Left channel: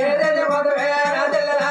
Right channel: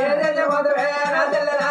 ఏదైతే మధురే రాజల్లరా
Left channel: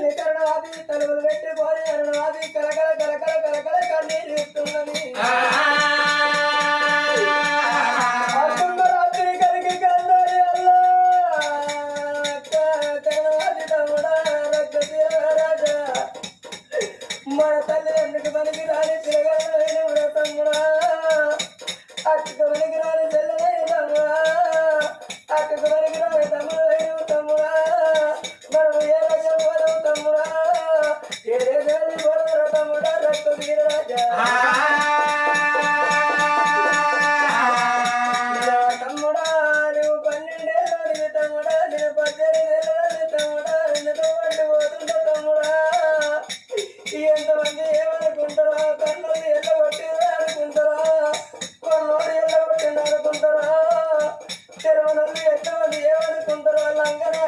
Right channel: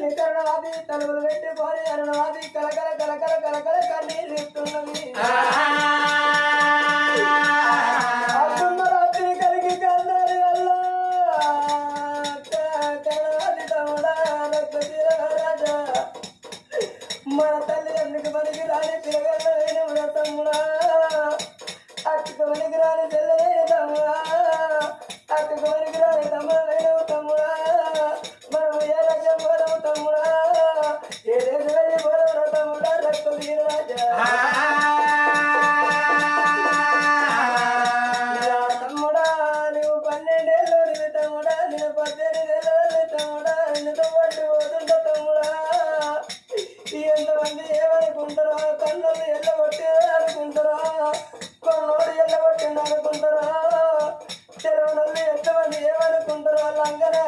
తల్లి కరుణవాది తలుపులు పెట్టి పోరి అరుణవాది కలకల కలకల కలకల కన్నీరు ఇస్తున్నది మన తల్లి ఎందుకు మనకి రాని తిరగల కన్నోడు ఎల్లగొట్టేదే అనుకుంటారా? కొన్నోడు ఎల్లగొట్టిండు అనుకుంటారా చెరువునల్లి ఎంతమంది ఏమనుకుంటారా? లంగనా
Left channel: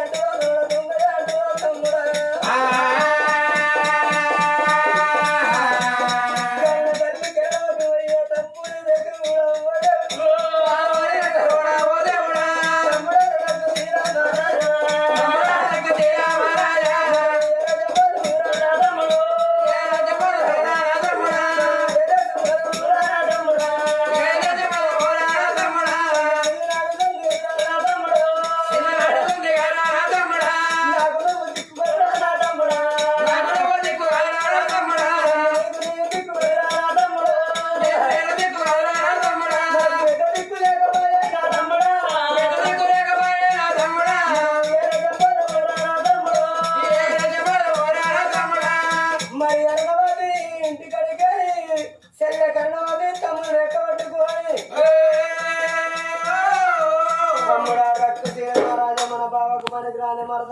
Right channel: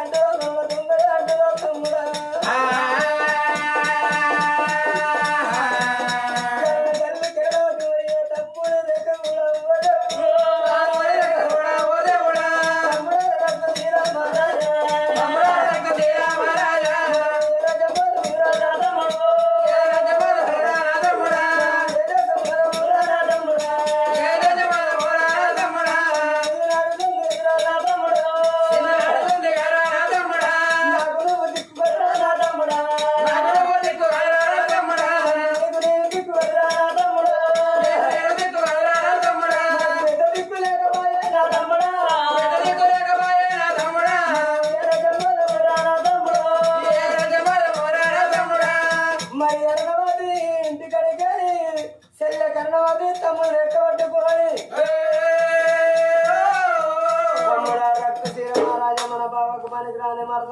grane marga